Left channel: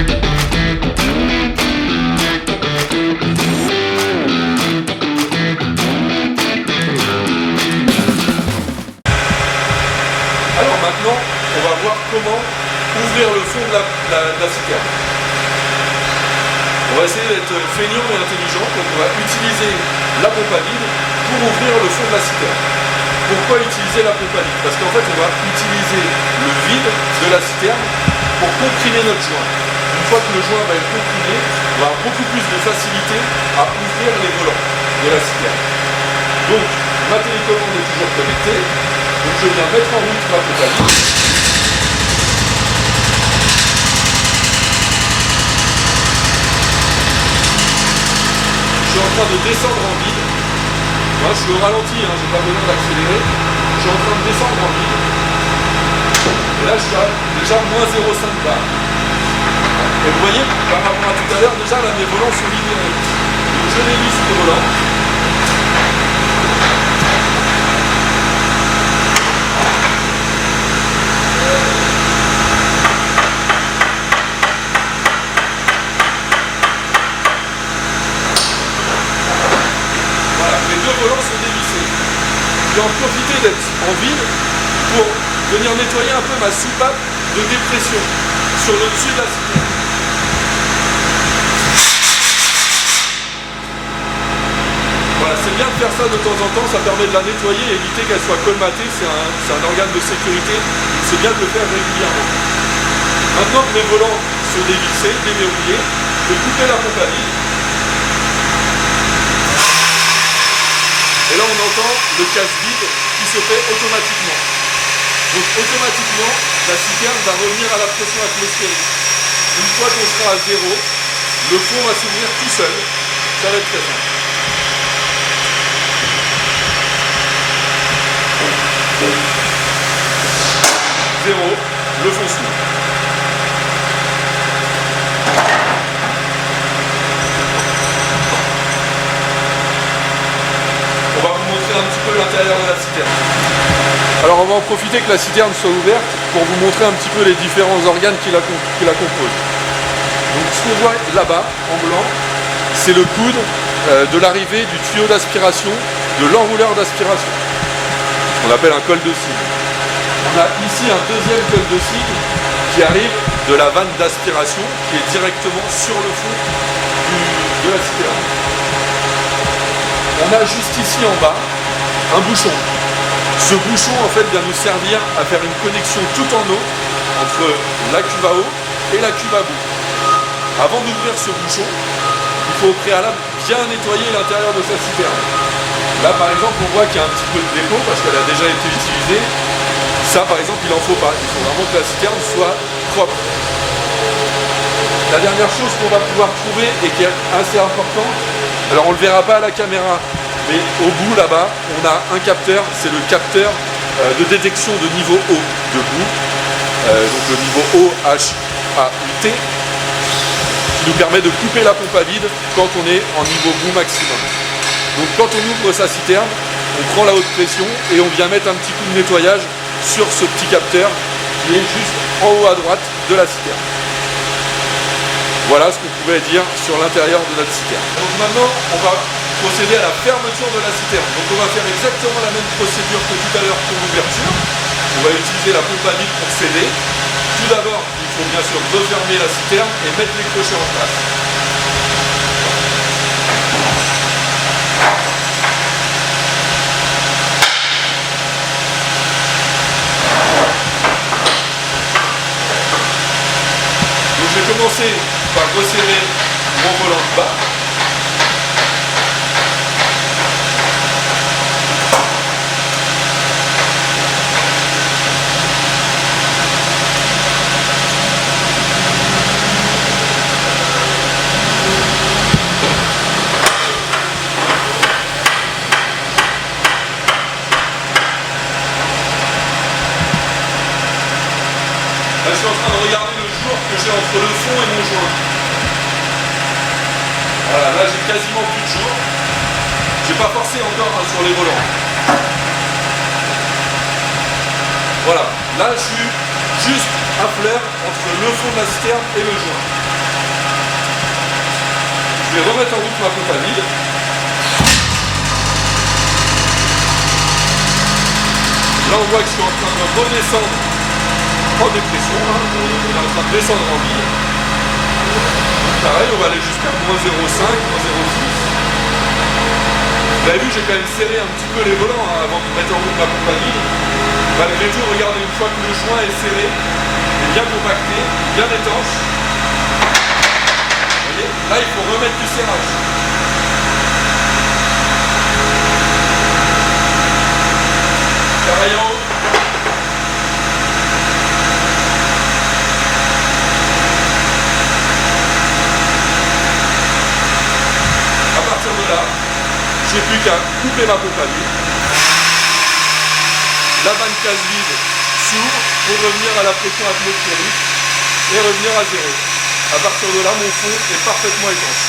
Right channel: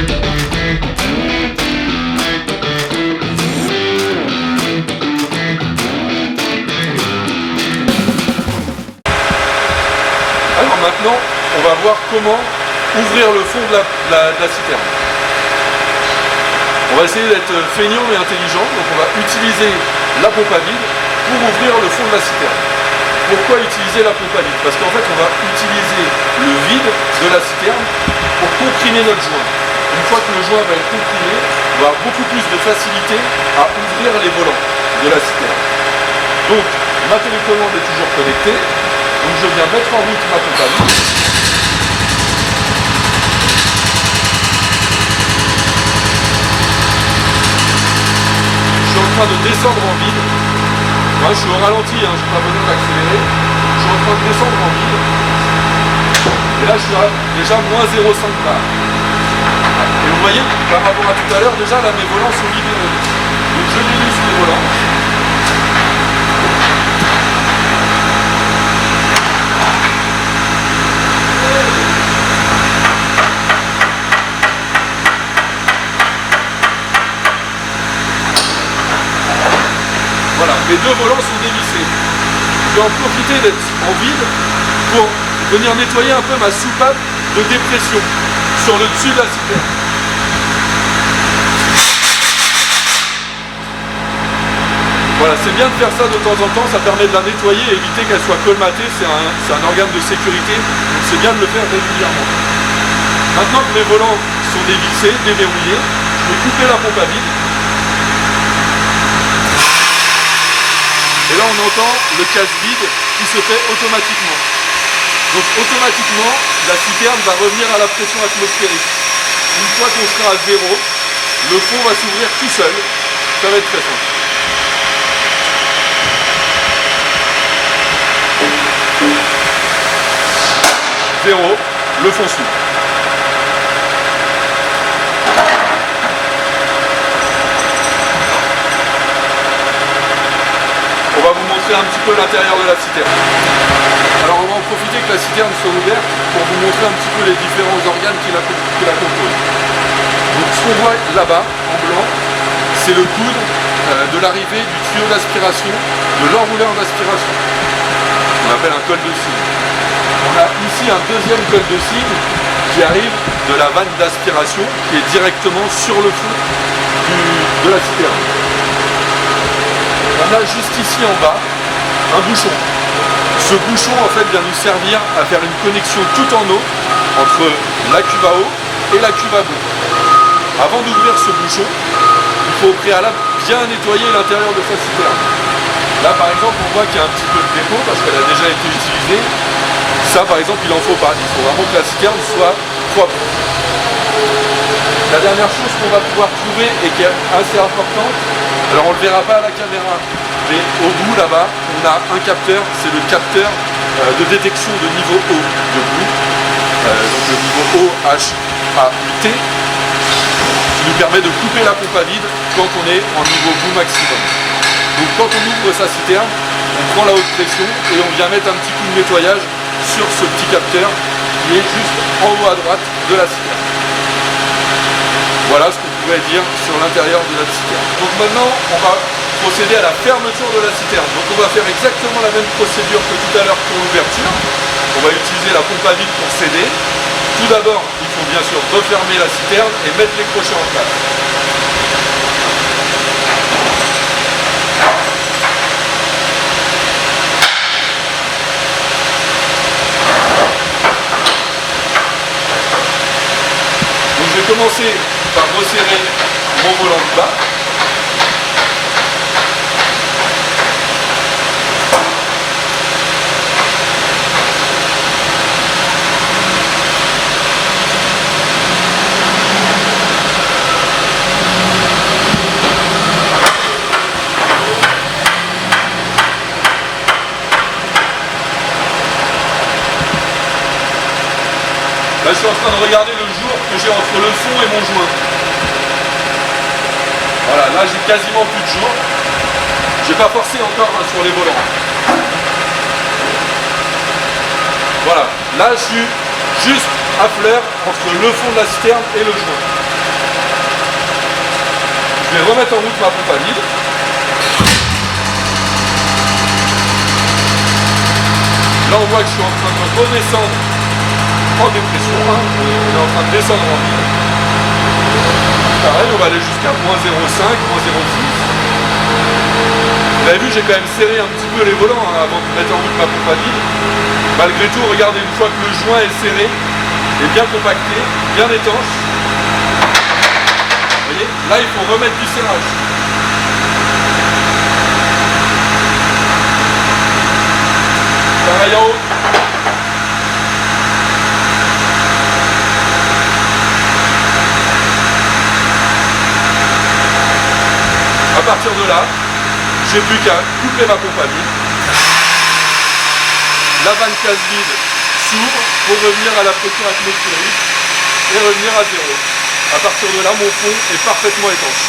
Alors maintenant, on va voir comment ouvrir le fond de la citerne. On va essayer d'être feignant mais intelligent, donc on va utiliser la pompe à vide pour ouvrir le fond de la citerne. Pourquoi utiliser la pompe à vide? Parce qu'en fait on va utiliser le vide de la citerne pour comprimer notre joint. Une fois que le joint va être comprimé, on va avoir beaucoup plus de facilité à ouvrir les volants de la citerne. Donc ma télécommande est toujours connectée, donc je viens mettre en route ma pompe à vide. Je suis en train de descendre en vide. Moi, je suis au ralenti, hein, j'ai pas besoin d'accélérer. Je suis en train de descendre en vide. Et là, je suis à déjà moins 0,5 bar. Et vous voyez, par rapport à tout à l'heure, déjà là, mes volants sont libérés. Donc je délisse mes volants. Voilà, mes deux volants sont dévissés. Je vais en profiter d'être en vide pour venir nettoyer un peu ma soupape de dépression sur le dessus de la citerne. Voilà, c'est bien de faire ça de temps en temps, ça permet de la nettoyer et éviter qu'elle soit colmatée, c'est un organe de sécurité, donc c'est bien de le faire régulièrement. Maintenant que mes volants sont dévissés, déverrouillés, je vais couper la pompe à vide. Et là on entend le casse-vide qui se fait automatiquement. Donc automatiquement, la citerne va revenir à la pression atmosphérique. Une fois qu'on sera à 0, le fond va s'ouvrir tout seul. Ça va être très simple. Zéro, le fond s'ouvre. On va vous montrer un petit peu l'intérieur de la citerne. Alors on va en profiter que la citerne soit ouverte pour vous montrer un petit peu les différents organes qui la composent. Donc ce qu'on voit là-bas, en blanc, c'est le coude de l'arrivée du tuyau d'aspiration, de l'enrouleur d'aspiration. On appelle un col de cygne. On a ici un deuxième col de cygne qui arrive de la vanne d'aspiration qui est directement sur le fond de la citerne. On a juste ici en bas un bouchon. Ce bouchon en fait vient nous servir à faire une connexion tout en eau entre la cuve à eau et la cuve à boue. Avant d'ouvrir ce bouchon, il faut au préalable bien nettoyer l'intérieur de sa citerne. Là par exemple on voit qu'il y a un petit peu de dépôt parce qu'elle a déjà été utilisée. Ça par exemple il n'en faut pas, il faut vraiment que la citerne soit propre. La dernière chose qu'on va pouvoir trouver et qui est assez importante, alors on ne le verra pas à la caméra, mais au bout là-bas, on a un capteur, c'est le capteur de détection de niveau eau de boue, donc le niveau OHAUT, qui nous permet de couper la pompe à vide quand on est en niveau boue maximum. Donc quand on ouvre sa citerne, on prend la haute pression et on vient mettre un petit coup de nettoyage sur ce petit capteur qui est juste en haut à droite de la citerne. Voilà ce qu'on pouvait dire sur l'intérieur de notre citerne. Donc maintenant, on va procéder à la fermeture de la citerne. Donc on va faire exactement la même procédure que tout à l'heure pour l'ouverture. On va utiliser la pompe à vide pour sceller. Tout d'abord, il faut bien sûr refermer la citerne et mettre les crochets en place. Donc je vais commencer par resserrer mon volant du bas. Là, je suis en train de regarder le jour que j'ai entre le fond et mon joint. Voilà, là j'ai quasiment plus de jour. Je n'ai pas forcé encore hein, sur les volants. Voilà, là je suis juste à fleur entre le fond de la citerne et le joint. Je vais remettre en route ma pompe à vide. Là on voit que je suis en train de redescendre en dépression, hein. On est en train de descendre en vide. Pareil, on va aller jusqu'à -0,5, -0,6. Vous avez vu, j'ai quand même serré un petit peu les volants hein, avant de mettre en route ma pompe à vide. Malgré tout, regardez, une fois que le joint est serré, est bien compacté, bien étanche. Vous voyez, là il faut remettre du serrage. Pareil en haut. À partir de là, j'ai plus qu'à couper ma pompe à vide. La vanne casse vide s'ouvre pour revenir à la pression atmosphérique et revenir à 0. À partir de là, mon fond est parfaitement étanche.